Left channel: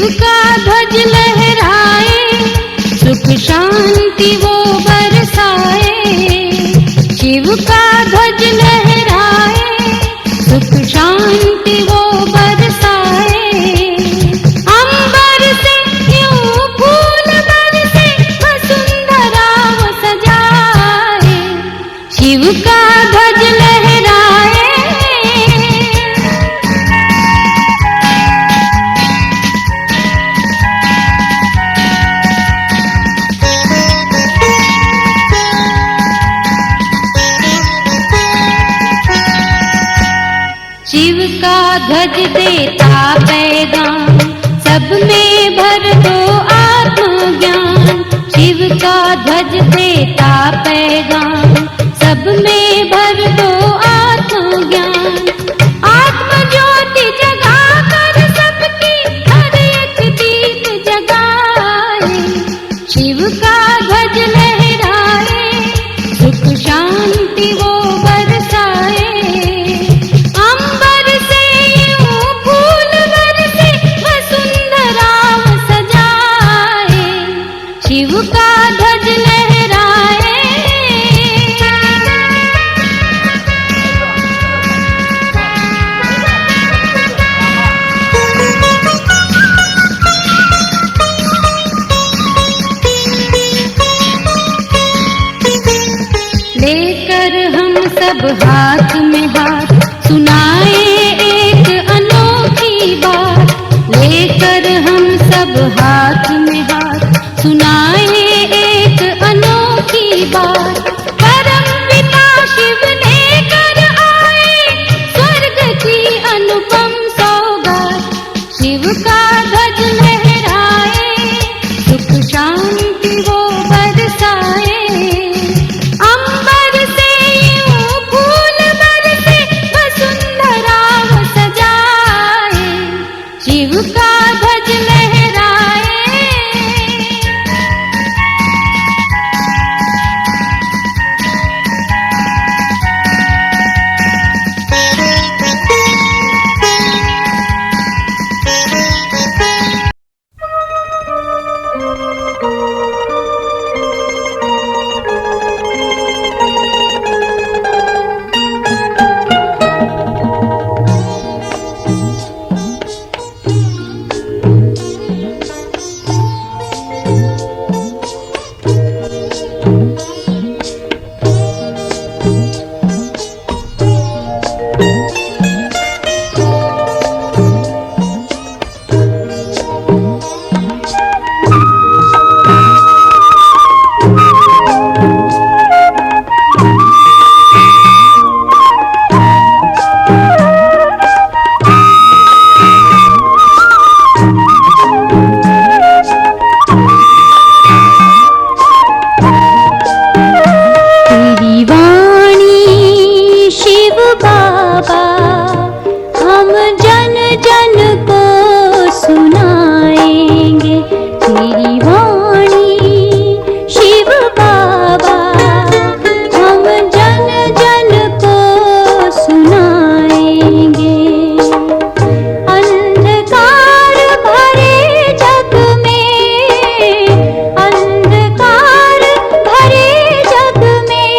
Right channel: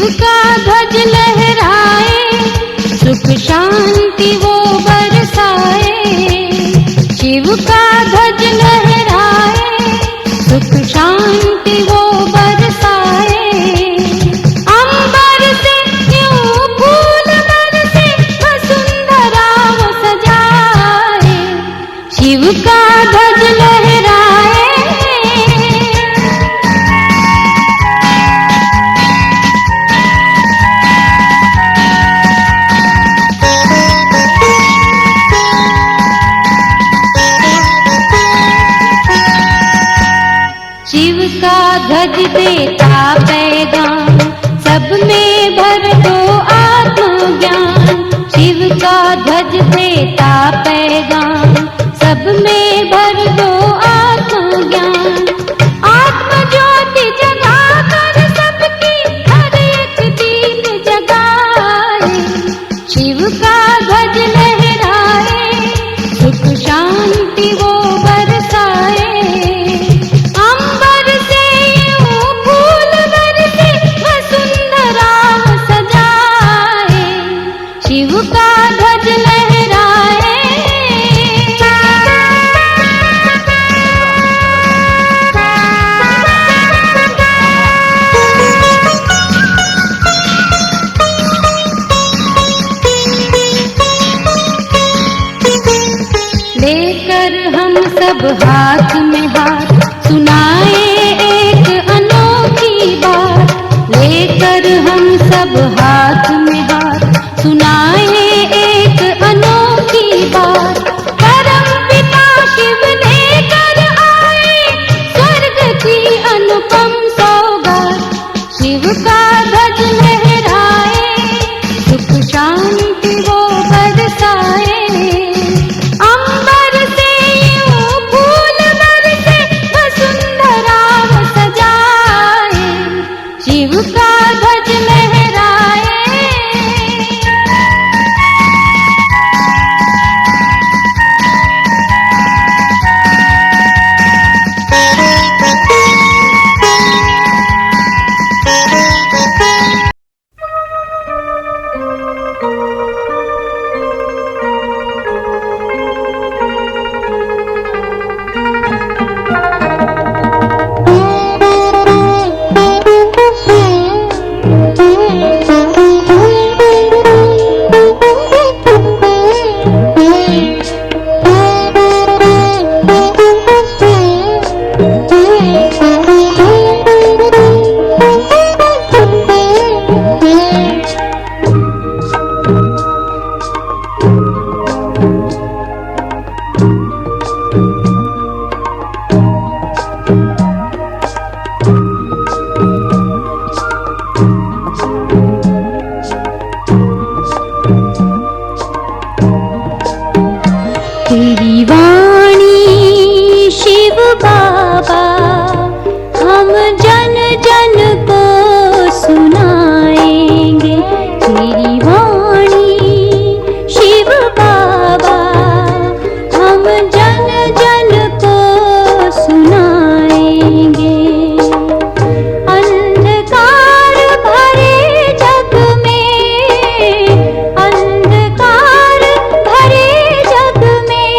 शिव का ध्वज लहराए, सुख शांति वो बरसाए। शिव का ध्वज लहराए, सुख शांति वो बरसाए। अंबर से यूं फूल बरसे, वसुंधरा वो सजाए। शिव का ध्वज लहराए। शिव का ध्वज देता पैगाम, सब में भर दो आत्मज्ञान। शिव का ध्वज देता पैगाम, सब में भर दो आत्मज्ञान। आत्म ज्योति जगा कर सबकी हर एक दीप जगाए। शिव का ध्वज लहराए, सुख शांति वो बरसाए। अंबर से यूं फूल बरसे, वसुंधरा वो सजाए। शिव का ध्वज लहराए। लेकर हम सब हाथ में हाथ, सुनाए एक अनोखी बात। लेकर हम सब हाथ में हाथ, सुनाए एक अनोखी बात। परम पिता शिव लेकर आए, स्वर्ग की अनुपम सौगात। शिव का ध्वज लहराए, सुख शांति वो बरसाए। अंबर से यूं फूल बरसे, वसुंधरा वो सजाए। शिव का ध्वज लहराए। तेरी वाणी शिव बाबा, हम जन जन को सुनाएंगे। तेरी वाणी शिव बाबा, हम जन जन को सुनाएंगे। अंधकार भरे जग में, अंधकार भरे जग में,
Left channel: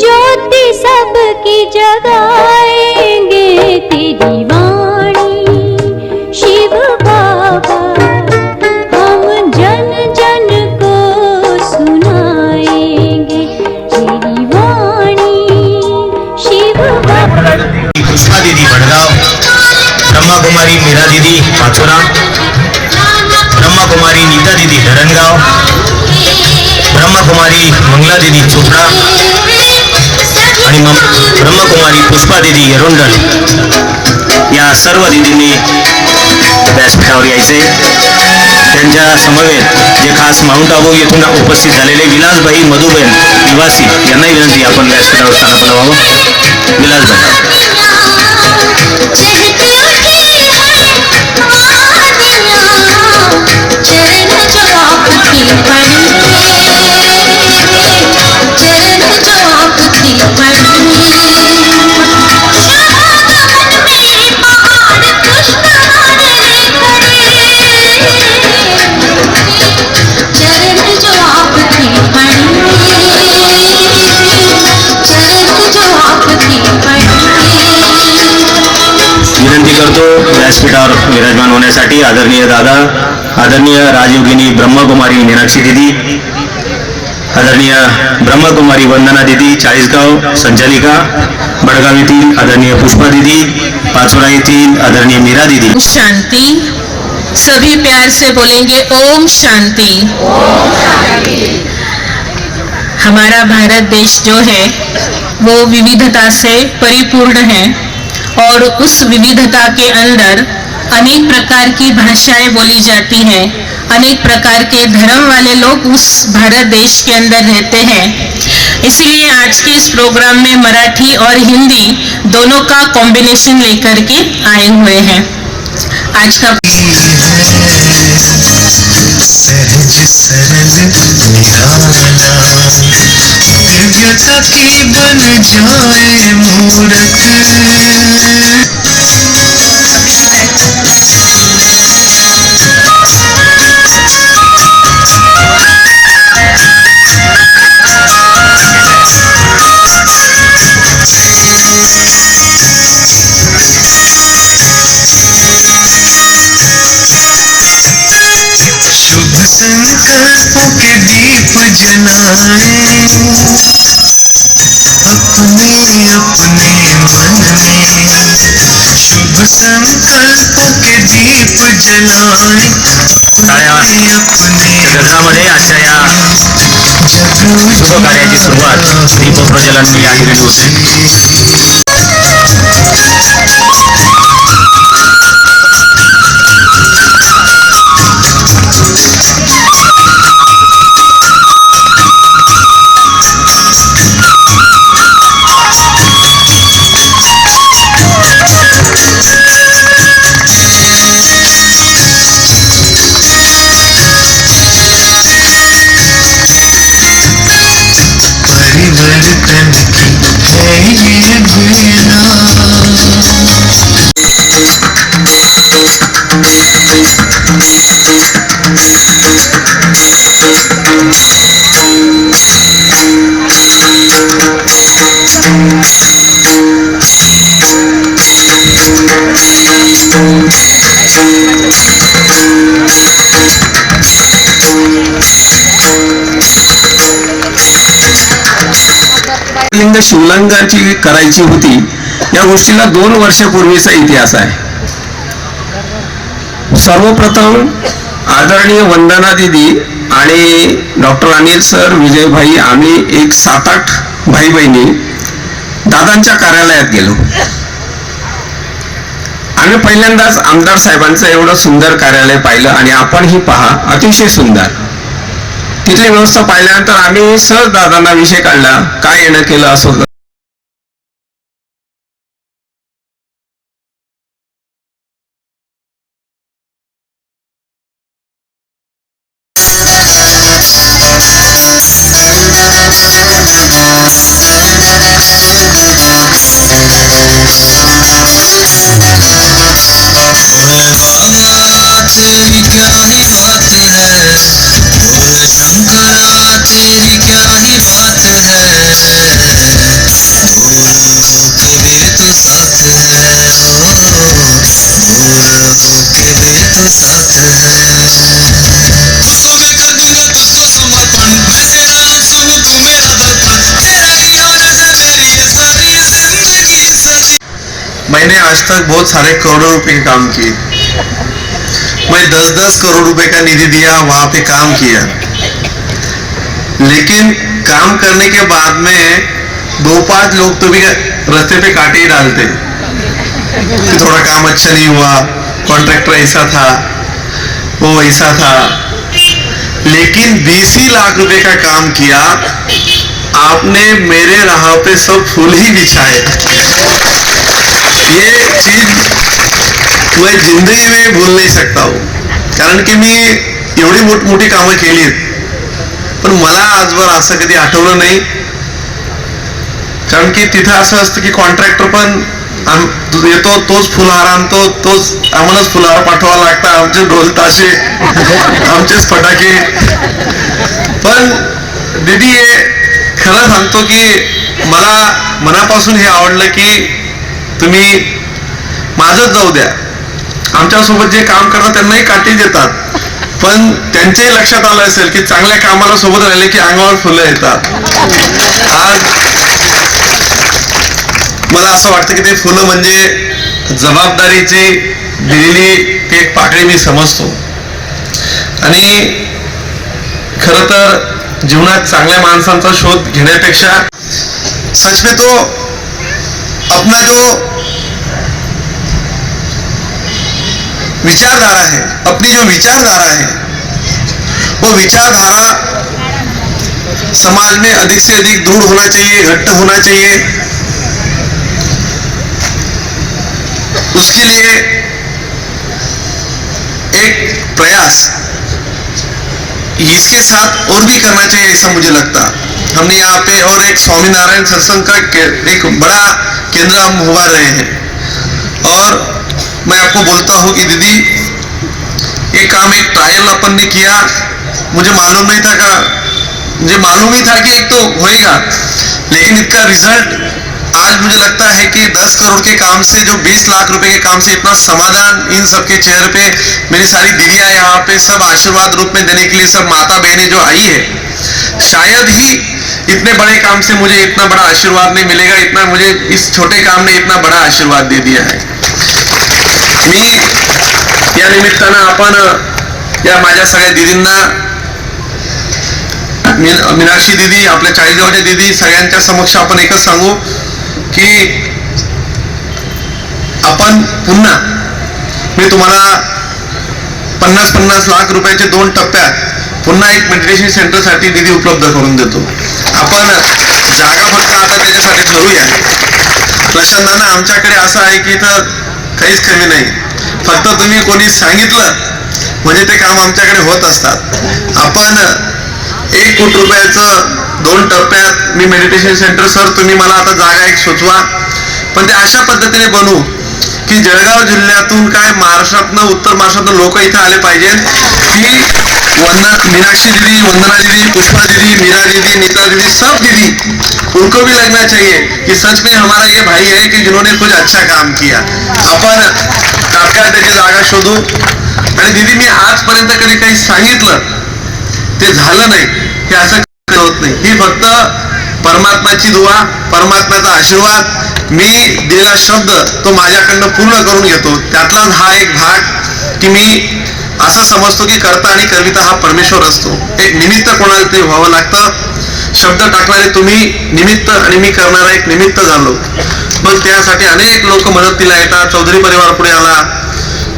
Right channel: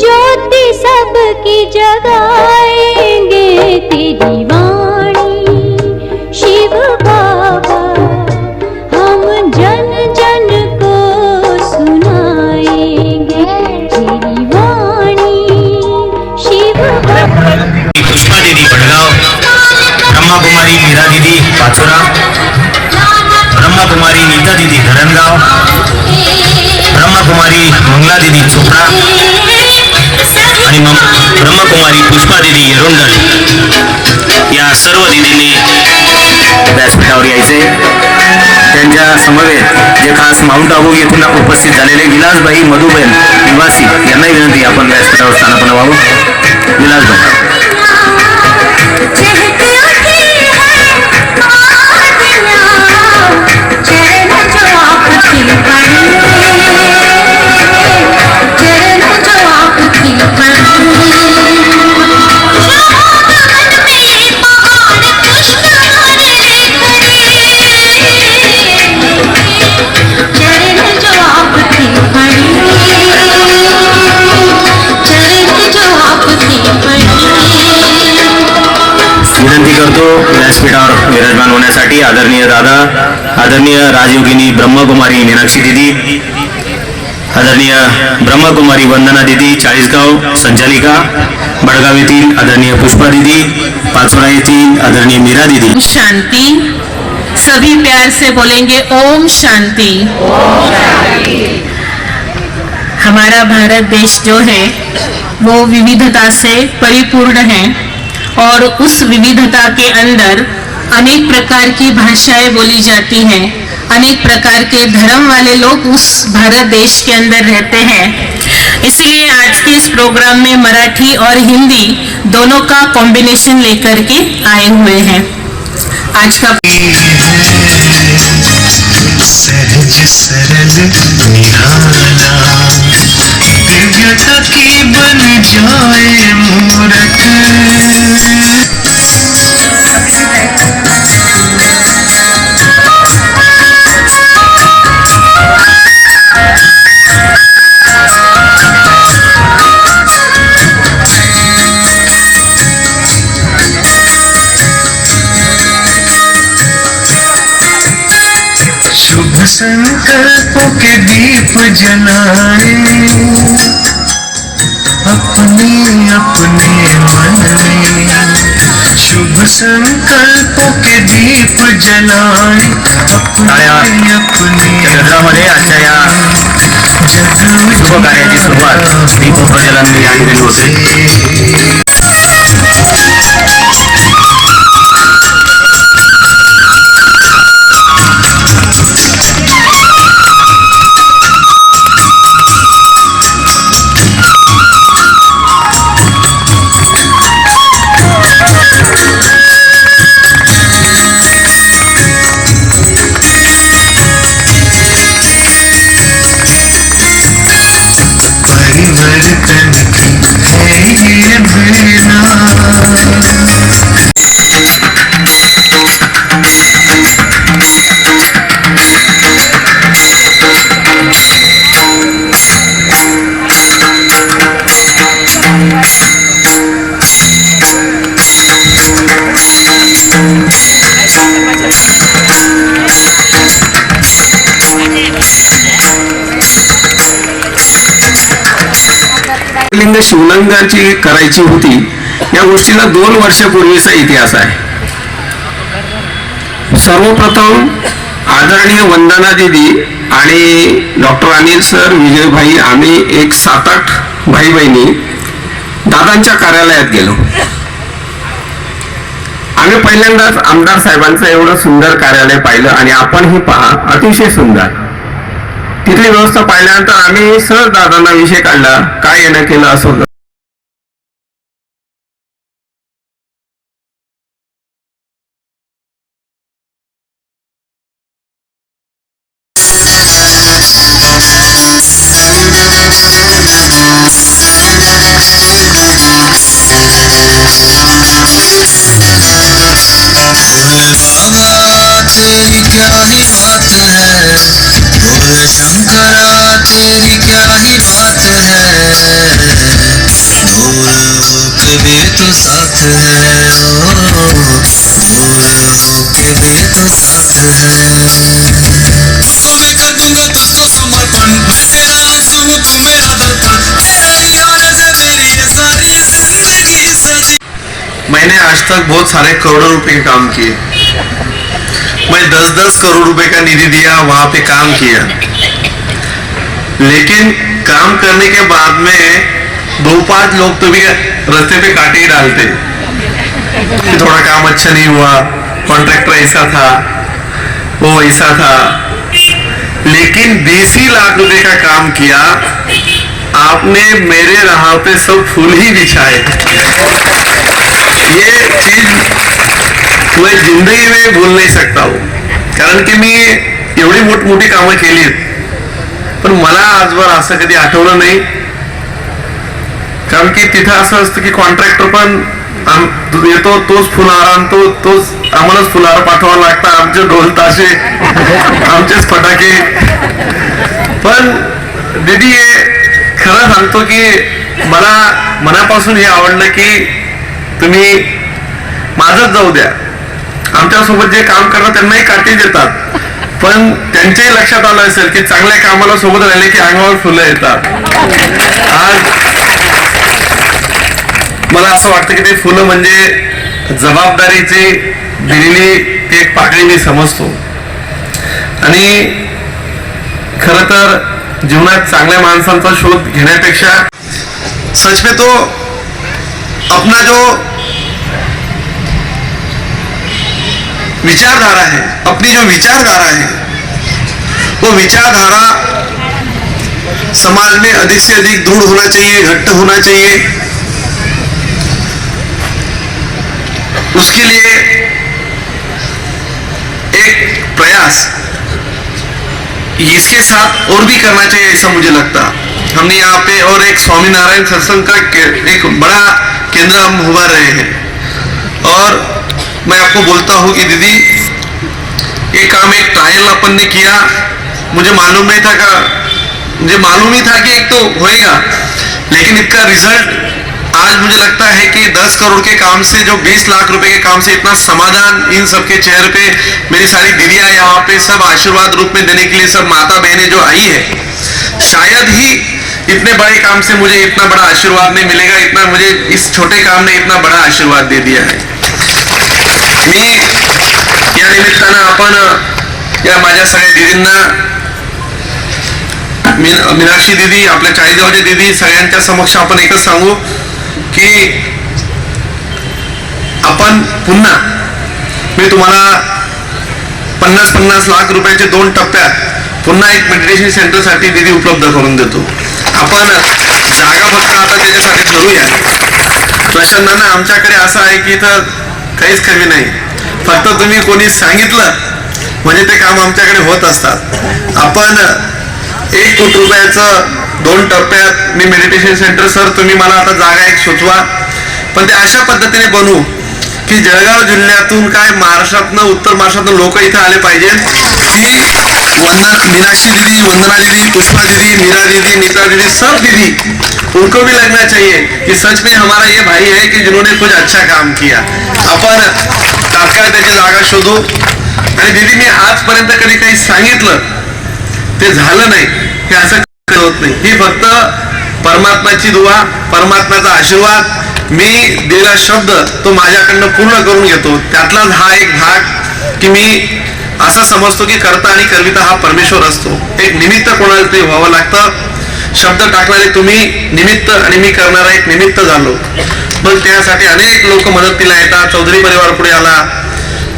ज्योति सबकी जगाएंगे। तेरी वाणी शिव बाबा, हम जन जन को सुनाएंगे। तेरी वाणी शिव बाबा। पुष्पा दीदी भड़गांव, ब्रह्मा कुमारी मीरा दीदी पाचोरा, ब्रह्मा कुमारी नीता दीदी धरणगांव, ब्रह्मा कुमारी मंगला दीदी चोपड़ा आणि ब्रह्मा कुमारी पुष्पा दीदी येरुंडल या सर्व दीदींनी व्यासपीठावर यायचे। त्यांच्या समवेत जे खास माउंट आबू येथून उपस्थित झालेले विलासभाई मधुबेन निवासी यांनाही विनंती आपण व्यासपीठावर स्थानापन्न व्हावं। विलासभाई व्यासपीठावर विराजमान होण्यासाठी आदरणीय दादा, आदरणीय राजयोगिनी ब्रह्मकुमारी मीनाक्षी दीदी, आदरणीय ब्रह्मकुमारी वंदना दीदी चाळीसगाव संचालिका, बडगाव येथील आदरणीय पुष्पा दीदी, पाचोरा येथील आदरणीय मीरा दीदी। शांति। सभी प्यार से बोलेंगे ओम शांति। हमारा भारत देश जो है वो विविधता से परिपूर्ण है और उस विविधता के अंदर अनेक प्रकार की भाषाएं बोली जाती हैं, अनेक प्रकार के धर्म वाले लोग उस भारत देश के अंदर रहते हैं। इसीलिए आज के इस प्रोग्राम में मराठी और हिंदी दोनों का कॉम्बिनेशन लेकर के आए हुए हैं। आज का सहज सरल निहारा दिव्यता की बन जाए मूरत। शुभ संकल्पों के दीप जलाए अपने अपने मन में। शुभ संकल्पों के दीप जलाए अपने अपने जगरामध्ये आजच्या या शुभ कार्याची सुरुवात दीप प्रज्वलन या ठिकाणी होते। परिवर्तन की है ये बेला। लिंग शिवलिंगाची करायची होती, या गोष्टीला 2 वर्षापूर्वीचा इतिहास आहे। सर्वप्रथम आदरणीय वंदना दीदी आणि डॉक्टर अनिल सर, विजय भाई, आम्ही एक 7-8 भाई बहिणी दादांच्या कार्यालयात गेलो। आम्ही पहिल्यांदाच आमदार साहेबांचं एवढं सुंदर कार्यालय पाहिलं आणि आपण ही पहा, अतिशय सुंदर। तिथली व्यवस्था पाहिल्यानंतर आम्ही सहज दादांना विषय काढला, काय येणं केलं असं। तेरी क्या ही बात है, बोल शंकरा तेरी क्या ही बात है। ढोल होके दे तो साथ है, ढोल होके दे तो साथ है। तो मैं कर दूंगा तुझको समर्पण, मैं तेरा आंसू हूँ तू मेरा दर्पण, तेरा ही आने से मेरी ये सारी जिंदगी सजी। मैंने आज तक बहुत सारे करोड़ों रुपए के काम किए। मैं 10-10 करोड़ रुपए का निधि दिया, वहां पे काम किया, लेकिन काम करने के बाद में 2-5 लोग तो भी रास्ते पे काटे ही डालते। थोड़ा काम अच्छा नहीं हुआ, कॉन्ट्रैक्टर ऐसा था, वो ऐसा था, लेकिन 20 ही लाख रुपए का काम किया आपने। मेरे राह पे सब फूल ही बिछाए। ये चीज मैं जिंदगी में भूल नहीं सकता हूँ, कारण की मी एवढी मोठी कामं केली, पण मला आजवर असं कधी आठवलं नाही। कारण की तिथं असं असतं की कॉन्ट्रॅक्टर पण येतो, तोच फुलहार आणतो, तोच आम्हालाच फुलहार पाठवावा लागतं, आमचे ढोल ताशे, आमचेच फटाके। पण दीदी खरं सांगतो की मला मनापासून हे आवडलं की तुम्ही माझंच जाऊ द्या, आमच्यासोबत जे काम करतात त्यांनाही काठी देतात, पण त्यांच्याही लक्षात आलं असेल की चांगल्या कामाला सोबत राहिले की अंगावर फुलं येतात. आज मला असं वाटतं की ते फुलं म्हणजे जबाबदारीची दिलेली ती एक पाकळी मी समजतो. आणि खर तर जीवनात चांगल्या माणसांचा शोध घेण्यापेक्षा सच में तो अपना जो विचारधारा है, अपनी जो विचारधारा है, वो विचारधारा समाज में अधिक से अधिक दृढ़ होना चाहिए, घट्ट होना चाहिए. उसके लिए एक प्रयास इसके साथ और भी करना चाहिए ऐसा मुझे लगता. हमने यहाँ पे और एक स्वामीनारायण सत्संग का एक बड़ा केंद्र हम उभा रहे हैं. और मैं आपको बोलता हूँ कि दीदी ये काम एक ट्रायल अपन ने किया. मुझे मालूम नहीं था मुझे मालूम ही था कि एक तो होएगा, लेकिन इसका रिजल्ट आज मुझे लगता है कि 10 करोड़ के काम से, जो 20 लाख रुपए के काम से इतना समाधान इन सबके चेहरे पे, मेरी सारी दीदियां यहाँ पे सब आशीर्वाद रूप में देने के लिए, सब माता बहनें जो आई है, शायद ही इतने बड़े काम से मुझे इतना बड़ा आशीर्वाद नहीं मिलेगा. इतना मुझे इस छोटे काम ने इतना बड़ा आशीर्वाद दे दिया है. मी या निमित्तानं आपण या माझ्या सगळ्या दीदींना, मीनाक्षी दीदी, आपल्या चाळीसगावच्या दीदी, सगळ्यांच्या समक्ष आपण एकच सांगू की आपण पुन्हा, मी तुम्हाला 50-50 लाख रुपयाचे 2 टप्प्यात पुन्हा एक मेडिटेशन सेंटर साठी निधी उपलब्ध करून देतो. आपण जागा फक्त आता त्याच्यासाठी ठरवूया. प्रशासनानं आमच्याकडे असं आहे की इथं काहीच कमी नाही, फक्त तुम्ही कोणी सांगितलं म्हणजे ते काम आमच्याकडे होत असतात. आपण 1 कोटी रुपयाचं 2 टप्प्यात मी मेडिटेशन सेंटर, सर तुम्ही मला आता जागा एक सुचवा, पण ते अशा पद्धतीने बनवू की जळगाव जिल्ह्यातून काय महाराष्ट्रातनं, उत्तर महाराष्ट्रातनं लोक इथे आले पाहिजे की मीनाक्षी दीदी, वंदना दीदी, पुष्पा दीदी, मीरा दीदी, नीता दीदी, सब दीदी, उनको भी लगना चाहिए कि सच में हमारा ये भाई है कि जिन्होंने कुछ अच्छा काम किया. आपण तात्काळ त्याची जागा शोधू. आणि दीदी, मी आजपर्यंत कधी काही सांगितलं ते झालं नाही, हे असं होत नाही. ही फक्त परमात्माची दुआ, परमात्म्याचा आशीर्वाद, मी दिलेला शब्द तो माझ्याकडनं पूर्ण करून घेतो. त्यातलाच हा एक भाग की मी असं समजतो की कर्ता आणि कर्मिता हा परमेश्वर असतो. एक निमित्त कोणाला तरी व्हावं लागतं. शब्द टाकणारे तुम्ही निमित्त आणि मी करणारा एक निमित्त झालो. मग त्यासाठी अनेक लोक मदतीला येतात. चौधरी परिवार पुढे आला,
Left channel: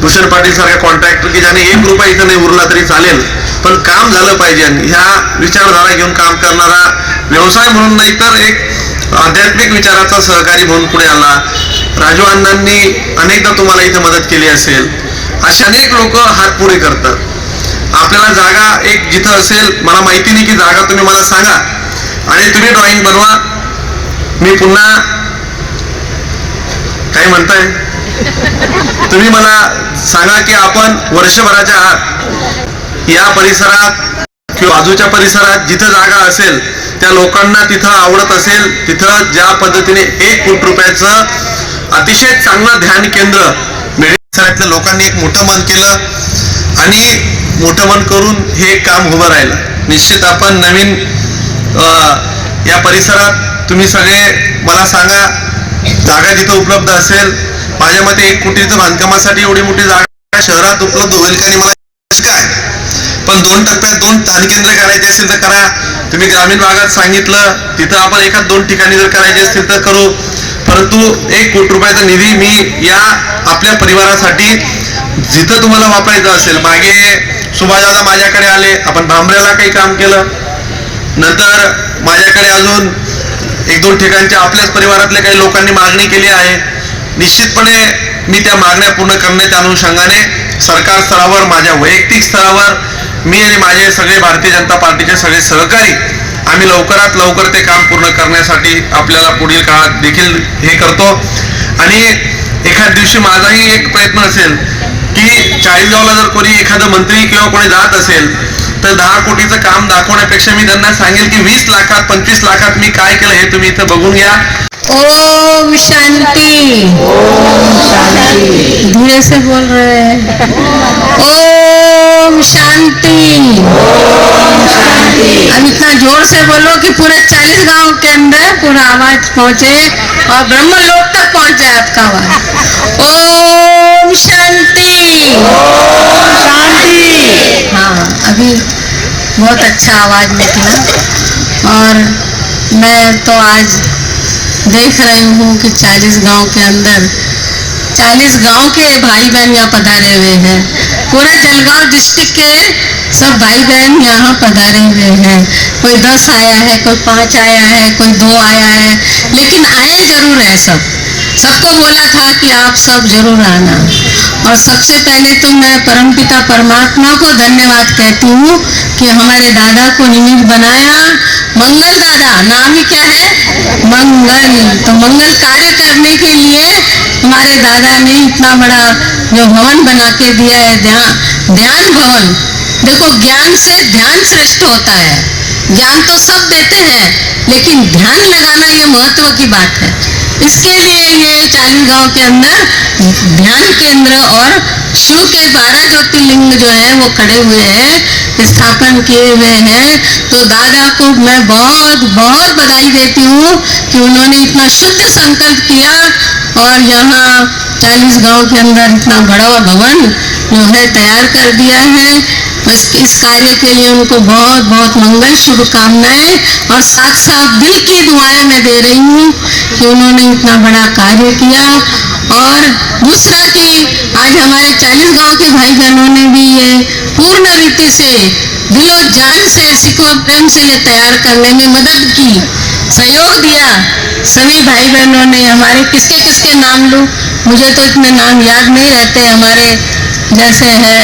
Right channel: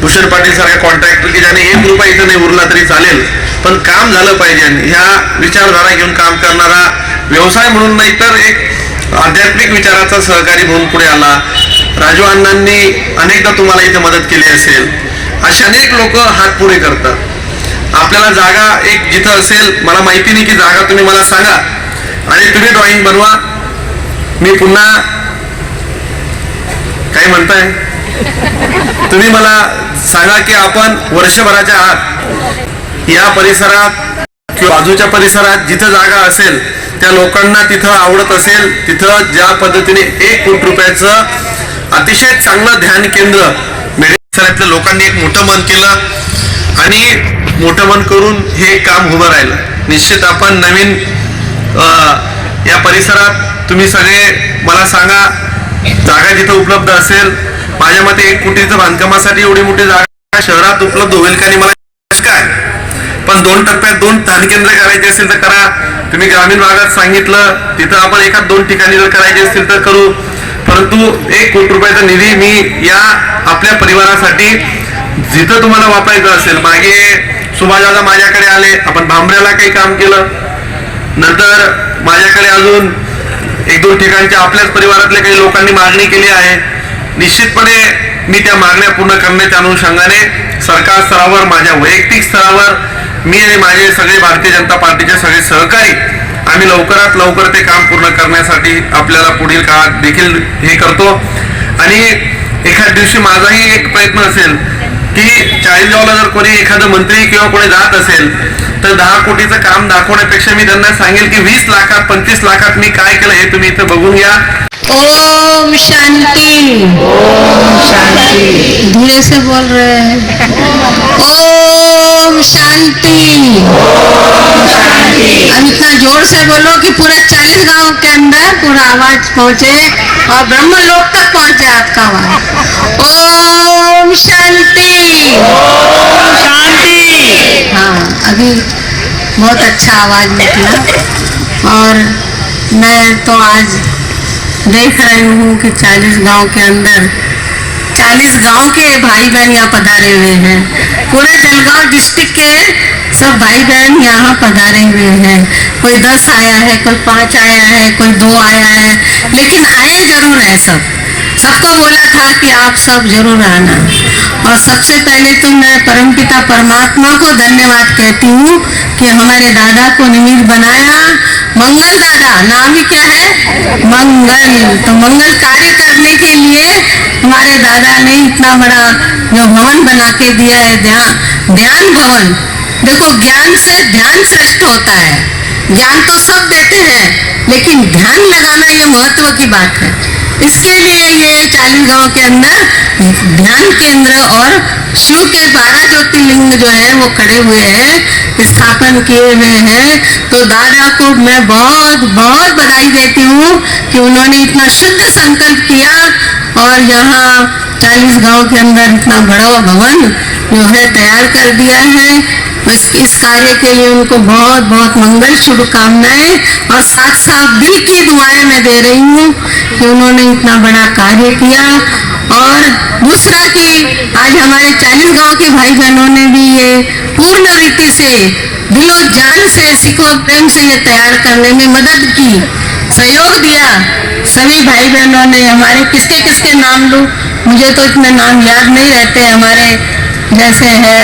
भूषण पाटील सारख्या कॉन्ट्रॅक्टर की ज्याने 1 रुपया इथं नाही उरला तरी चालेल, पण काम झालं पाहिजे. ह्या विचारधारा घेऊन काम करणारा, व्यवसाय म्हणून नाही तर एक आध्यात्मिक विचाराचा सहकारी म्हणून पुढे आला. राजू अण्णांनी अनेकदा तुम्हाला इथे मदत केली असेल. असे अनेक लोक हात पुढे करतात. आपल्याला जागा एक जिथं असेल, मला माहिती नाही की जागा तुम्ही मला सांगा आणि तुम्ही ड्रॉइंग बनवा. मी पुन्हा काय म्हणताय तुम्ही मला सांगा की आपण वर्षभराच्या आत या परिसरात किंवा बाजूच्या परिसरात जिथं जागा असेल त्या लोकांना तिथं आवडत असेल तिथं ज्या पद्धतीने 1 कोटी रुपयाचं अतिशय चांगलं ध्यान केंद्र मेडिकल लोकांनी एक मोठं मन केलं आणि मोठं मन करून हे काम उभं राहिलं. निश्चित आपण नवीन या परिसरात तुम्ही सगळे मला सांगा जागा जिथं उपलब्ध असेल. माझ्या मते 1 कोटीचं बांधकामासाठी एवढी मोठी जागा शहरात उपलब्ध होईल का नाही मला काय, पण 2 टप्प्यात 2 ध्यान केंद्र करायचे असेल तर करा. तुम्ही ग्रामीण भागात सांगितलं तिथं आपण 1-2 ठिकाणी जर करायचे असतील तर करू. परंतु 1 कोटी रुपयाचा निधी मी या आपल्या परिवारासाठी जिथं तुम्हाला वापरायचं असेल. मागे सुभाषदादा माझ्याकडे आले, आपण भांबऱ्याला काही काम केलं. नंतर माझ्याकडे अजून 1-2 ठिकाणच्या आपल्याच परिवारातल्या काही लोकांनी मागणी केली आहे. निश्चितपणे मी त्या मागण्या पूर्ण करण्याच्या अनुषंगाने सरकार स्तरावर, माझ्या वैयक्तिक स्तरावर मी आणि माझे सगळे भारतीय जनता पार्टीचे सगळे सहकारी आम्ही लवकरात लवकर ते काम पूर्ण करण्यासाठी आपल्याला पुढील काळात देखील हे करतो. आणि एखाद दिवशी माझाही एक प्रयत्न असेल की चाळीसगावला जर कोणी एखादं मंत्री किंवा कोणी जात असेल तर 10 कोटीचं काम दाखवण्यापेक्षा मी त्यांना सांगेल की 20 लाखात 25 लाखात मी काय केलं हे तुम्ही इथं बघून घ्या. ओम शांति. ओम शांति. धीरे से बोल रहे हैं. ओम शांति. ओम शांति. अब इतना जोर से बोलो कि पूरा 40 गांव के अंदर पूरा आवाज पहुंचे और ब्रह्म लोक तक पहुंचे आपका आवाज. ओम शांति. ओम शांति. हाँ, अभी बहुत अच्छा आवाज निकला. और मैं तो आज देख रही हूँ कि 40 गांव के अंदर 40 गांव के भाई बहन यहाँ पधारे हुए हैं. पूरे जलगांव डिस्ट्रिक्ट के सब भाई बहन यहाँ पधारे हुए हैं. कोई 10 आया है, कोई 5 आया है, कोई 2 आया है, लेकिन आए जरूर है सब. सबको बोला था कि आप सब जरूर आना. और सबसे पहले तो मैं परमपिता परमात्मा को धन्यवाद कहती हूँ कि हमारे दादा को निमित्त बनाया. मंगल दादा नाम ही क्या है? मंगल. तो मंगल कार्य करने के लिए हमारे दादा ने इतना बड़ा जो भवन बना के दिया है, ध्यान भवन. देखो, ज्ञान से ध्यान श्रेष्ठ होता है. ज्ञान तो सब देते हैं, लेकिन ध्यान लगाना ये महत्व की बात है. इसके लिए ये 40 गांव के अंदर ध्यान केंद्र और शिव के 12 ज्योतिर्लिंग जो है वो खड़े हुए हैं, स्थापन किए हुए हैं. तो दादा को मैं बहुत बहुत बधाई देती हूँ कि उन्होंने इतना शुद्ध संकल्प किया और यहाँ 40 गांव के अंदर इतना बड़ा भवन जो है तैयार कर दिया है. इस कार्य के लिए उनको बहुत बहुत मंगल शुभकामनाएं और साथ साथ दिल की दुआएं मैं दे रही हूँ कि उन्होंने इतना बड़ा कार्य किया. और दूसरा कि आज हमारे 40 गांव के भाई बहनों ने भी ये पूर्ण रीति से दिलो जान से सिखो प्रेम से ये तैयार करने में मदद की, सहयोग दिया. सभी भाई बहनों ने हमारे किसके किसके नाम लूं, मुझे तो इतने नाम याद नहीं रहते. हमारे जैसे है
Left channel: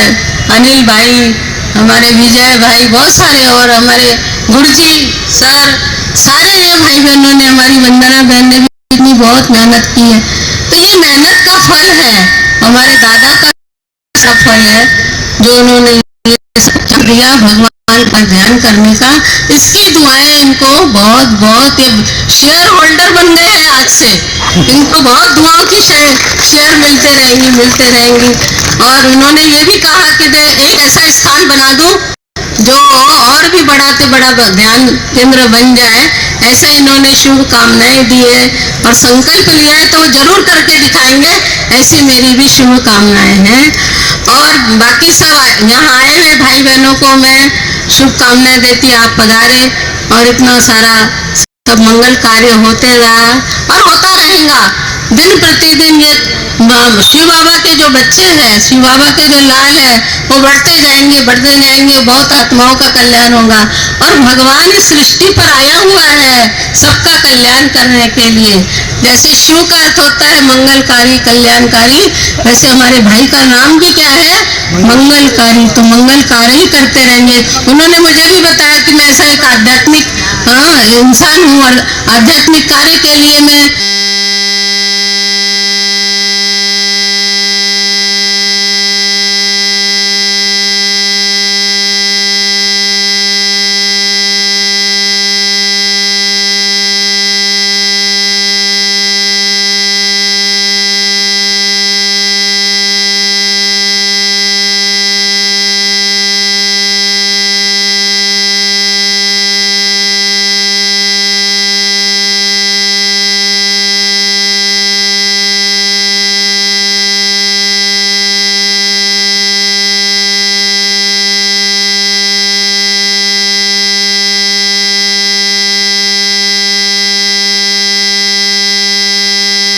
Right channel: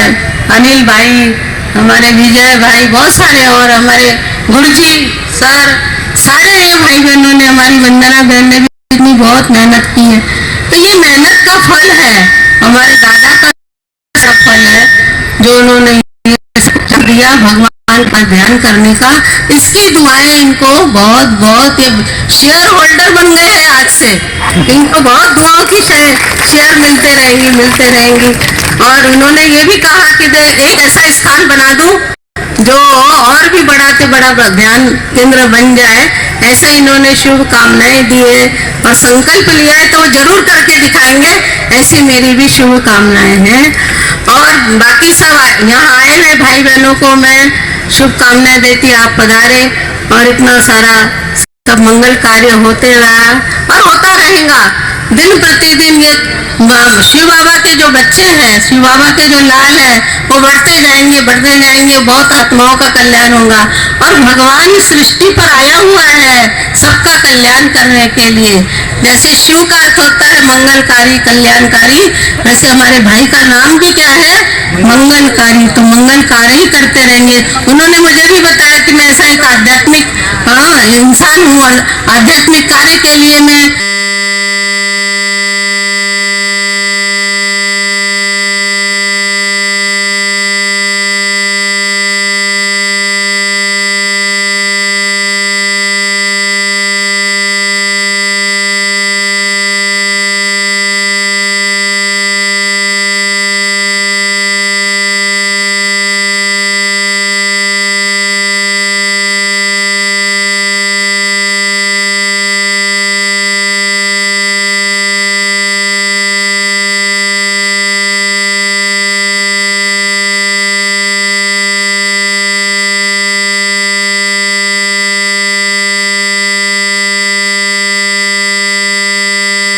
अनिल भाई, हमारे विजय भाई, बहुत सारे, और हमारे गुरुजी सर, सारे ये भाई बहनों ने, हमारी वंदना बहन ने भी इतनी बहुत मेहनत की है. तो ये मेहनत का फल है, हमारे दादा का फल है जो उन्होंने दिया भगवान पर ध्यान करने का. इसकी दुआएं इनको बहुत बहुत, ये शेयर होल्डर बन गए हैं आज से. इनको बहुत दुआओं की शेयर मिलते रहेंगी. और उन्होंने ये भी कहा कि एक ऐसा स्थान बना दूं जो और भी बड़ा से बड़ा ध्यान केंद्र बन जाए. ऐसे इन्होंने शुभकामनाएं दी है और संकल्प लिया है, तो वो जरूर करके दिखाएंगे. ऐसी मेरी भी शुभकामनाएं हैं. और बाकी सब यहाँ आए हुए भाई बहनों को मैं शुभकामनाएं देती. आप पधारे और इतना सारा सब मंगल कार्य होते रहा और होता रहेगा. दिन प्रतिदिन ये शिव बाबा के जो बच्चे हैं, शिव बाबा के जो लाल हैं, वो बढ़ते जाएंगे. बहुत आत्माओं का कल्याण होगा. और भगवान इस सृष्टि पर आया हुआ है सबका कल्याण करने के लिए. जैसे शिव का अर्थ होता है मंगलकारी, कल्याणकारी, वैसे हमारे भाई का नाम भी क्या है? मंगलकारी. तो मंगल कार्य ही करते रहेंगे. उन्होंने मुझे भी बताया कि मैं ऐसा एक आध्यात्मिक इंसान हूँ और आध्यात्मिक कार्य के लिए मैं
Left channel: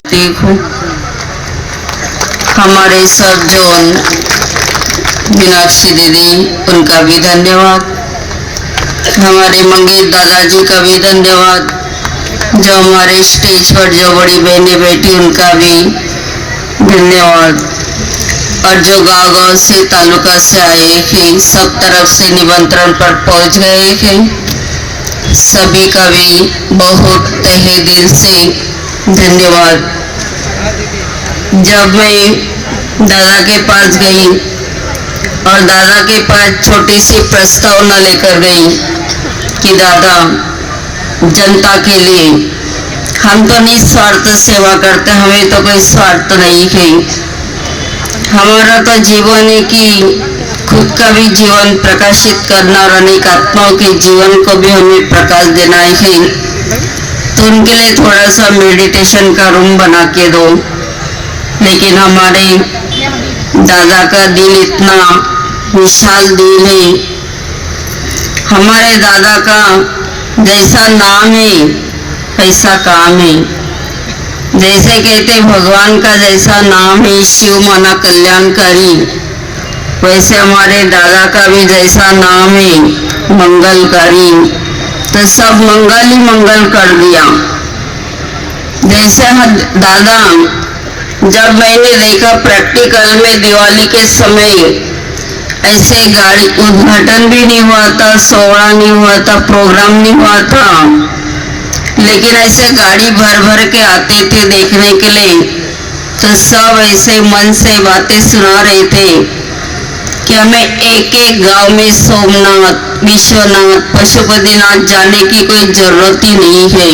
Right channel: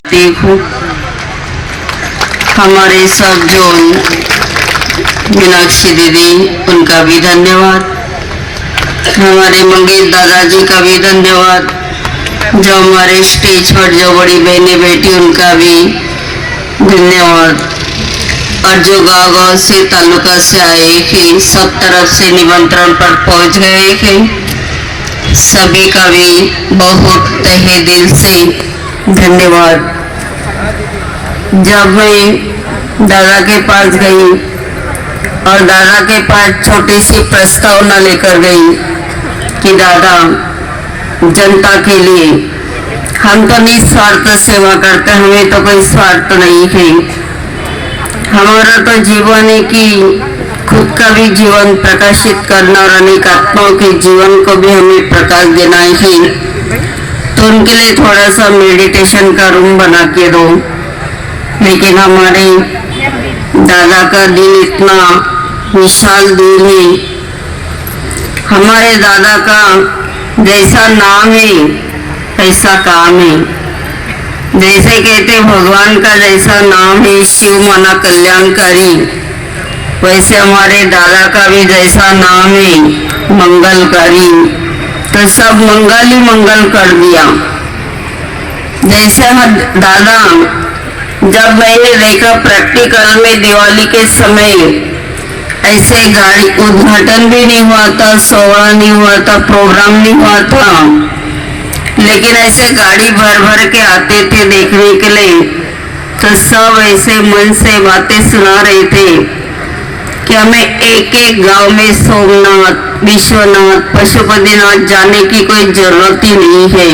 देखो हमारे सब जो मीनाक्षी दीदी, उनका भी धन्यवाद. हमारे मंगेश दादाजी का भी धन्यवाद. जो हमारे स्टेज पर जो बड़ी बहनें बैठी, उनका भी धन्यवाद. और जो गांव-गांव से, तालुका से आए हैं, सब तरफ से निमंत्रण पर पहुंच गए हैं, सभी का भी बहुत तहे दिल से धन्यवाद. जब मैं दादा के पास गई और दादा के पास छोटी सी प्रस्तावना लेकर गई कि दादा, जनता के लिए हम तो निस्वार्थ सेवा करते, हमें तो कोई स्वार्थ नहीं है। हमारा तो जीवन है कि खुद का भी जीवन प्रकाशित करना और अनेक आत्माओं के जीवन को भी हमें प्रकाश देना है। तो उनके लिए थोड़ा सा मेडिटेशन का रूम बना के दो। लेकिन हमारे दादा का दिल इतना विशाल दिल है, हमारे दादा का जैसा नाम है ऐसा काम है। जैसे कहते भगवान का जैसा नाम है शिव माना कल्याणकारी, वैसे हमारे दादा का भी जैसा नाम है मंगलकारी। तो सब मंगल ही मंगल कर दिया। जैसे हम दादा, जब मैंने देखा प्रैक्टिकल में दिवाली के समय ऐसे गाड़ी उद्घाटन भी नहीं हुआ था, सोहरा नहीं हुआ था, प्रोग्राम नहीं हुआ था, लेकिन ऐसे गाड़ी भर भर के आते थे देखने के लिए। तो सब ऐसे मन से बातें सुना रहे थे कि हमें एक एक गांव में सोमनाथ, विश्वनाथ, पशुपतिनाथ जाने की कोई जरूरत ही नहीं है।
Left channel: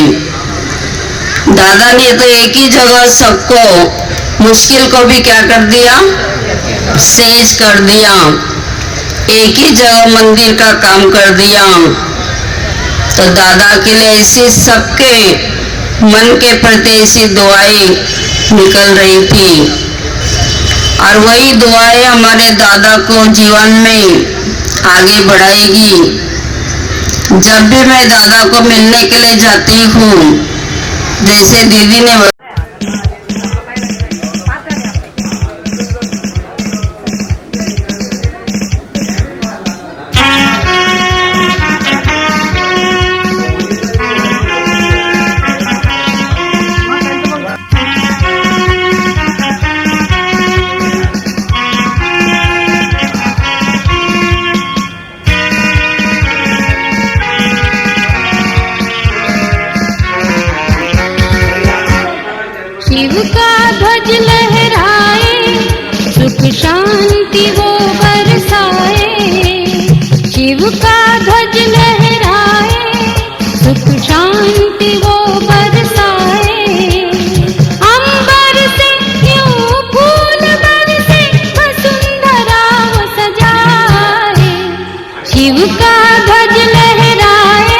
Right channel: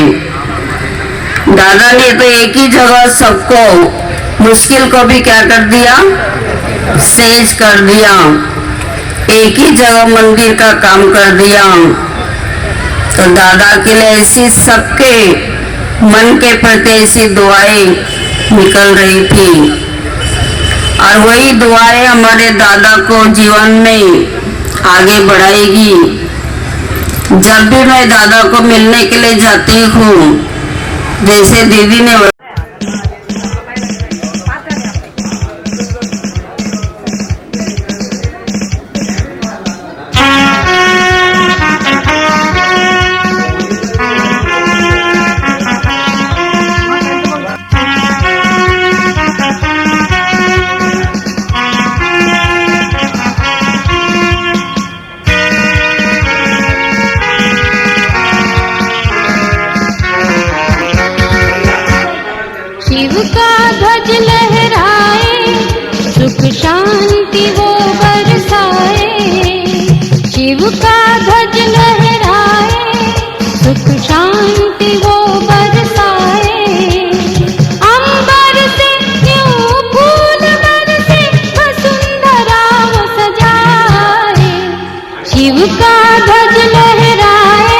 दादा ने तो एक ही जगह सबको, मुश्किल को भी क्या कर दिया, सहज कर दिया। एक ही जगह मंदिर का काम कर दिया। तो दादा के लिए ऐसी सबके मन के प्रति ऐसी दुआएं निकल रही थी, और वही दुआएं हमारे दादा को जीवन में आगे बढ़ाएगी। जब भी मैं दादा को मिलने के लिए जाती हूँ, जैसे दीदी ने शिव का ध्वज लहराए, सुख शांति वो बरसाए। शिव का ध्वज लहराए, सुख शांति वो बरसाए। अंबर से यूं फूल बरसे, वसुंधरा वो सजाए। शिव का ध्वज लहराए।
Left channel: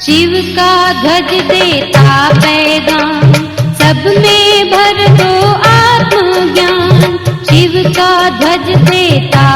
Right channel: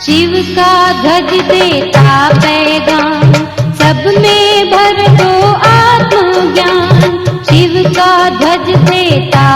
शिव का ध्वज देता पैगाम, सब में भर दो आत्मज्ञान। शिव का ध्वज देता